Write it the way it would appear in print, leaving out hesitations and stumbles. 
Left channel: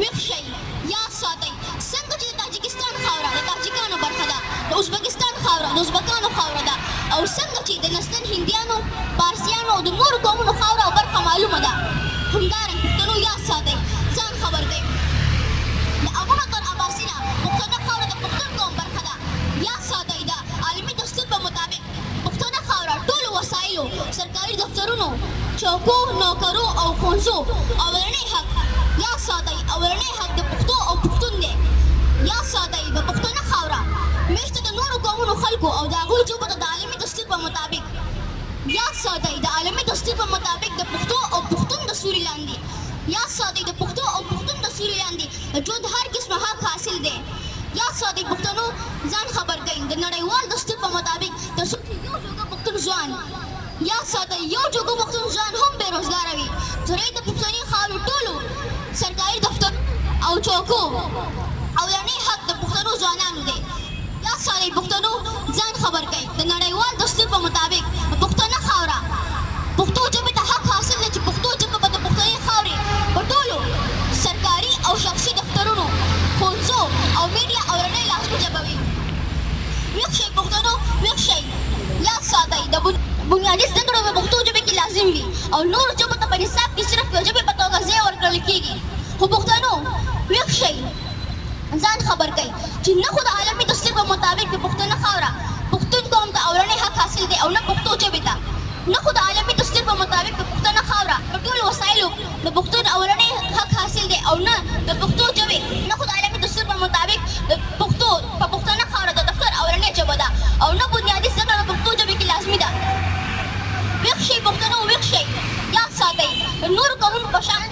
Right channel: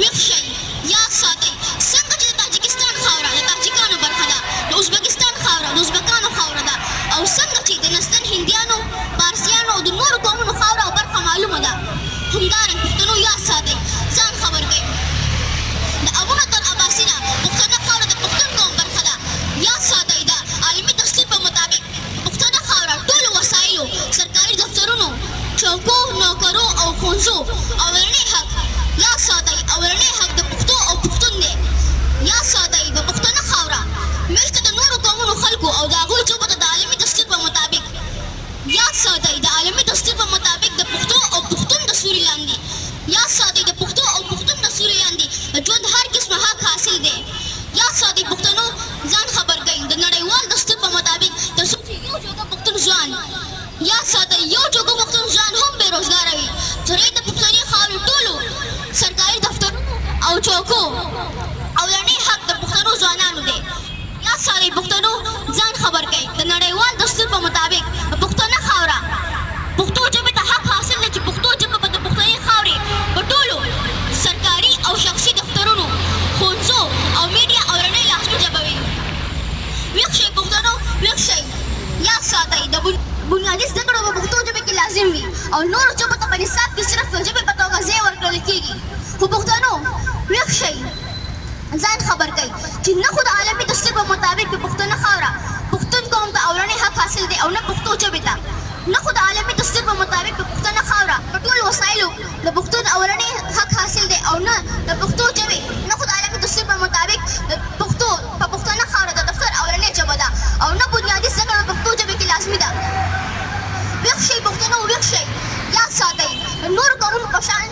ویښ یاد ساتئ څنګه چې د تاجکستان خاوره د تاجکانو برخه ده، د ازبکستان خاوره د ازبکانو خاوره ده، او څنګه چې د نستن هندیانو، پارسیانو او د نورو قومونو خاوره او برخه معلومه ده، همدارنګه پښتنو یاد ساتئ، ځان خبر کړئ د امونه تر عباسي نه پښتنه خاوره د پښتون قوم برخه ده. یاد ساتئ د عالمي دستور په مطابق پښتنه خاوره ټولو وسایلو، سرکاري دفترونو، چوکو، نوکرو او ښوونځو اولنی حق. یاد ساتئ اولنی حق د پښتو او پښتون دی. یاد ساتئ د پښتنه خاوره مېشته د نورو قومونو خلکو او د هغوی ژبو ته د عالمي دستور په مطابق. یاد ساتئ د عالمي دستور په مطابق د پښتو او پښتون د سوري لاندې. یاد ساتئ د پښتو او پښتون د سوري لاندې د ژوند هر قسمه حق حاصل دی. یاد ساتئ پښتنو ځان خبر کړئ د نړیوال دستور په مطابق تر څو چې یو جوګه پښتون ځوان. یاد ساتئ یو جوګه پښتون ځوان هم بې روزګاره وي. ترې د پښتني خاورې ټولو سرکاري دفتر او چوکو اولنی حق د پښتنو ځوانانو دی. یاد ساتئ پښتنو ځان خبر کړئ د نړیوال دستور په مطابق د پښتنه خاوره پښتو ژبې ته حق حاصل دی چې پښتو ژبه به د پښتني خاورې په ټولو سرکاري او شخصي دفترونو، ښوونځو او میډیا اولنۍ لاسنۍ ژبه وي. ویښ شئ پښتنو، ویښ شئ. یاد ساتئ د بنیادي زده کړو په پښتو ژبې کې لازم وي او نورو ژبو ته په نصاب کې صرف یو ژبې په توګه ځای ورکړل کېږي. خو پښتنو ویښ شئ، ځان خبر کړئ چې نه خو د عالمي دستور په مطابق د پښتنه خاوره پښتون قوم ته اولنی حق حاصل دی او نه پښتو ژبې ته. نه خو د عالمي دستور په مطابق د پښتنه خاوره په ټولو وسایلو د پښتون اولنی حق حاصل دی او نه د پښتو ژبې. نه خو د عالمي دستور په مطابق د پښتو په پښتنه خاوره د دفتر اولنۍ ژبه ده او نه بنیادي زده کړه په پښتو ژبې کې لازمي ده. ویښ شئ پښتنو، ویښ شئ. یاد ساتئ د نورو قومونو په شان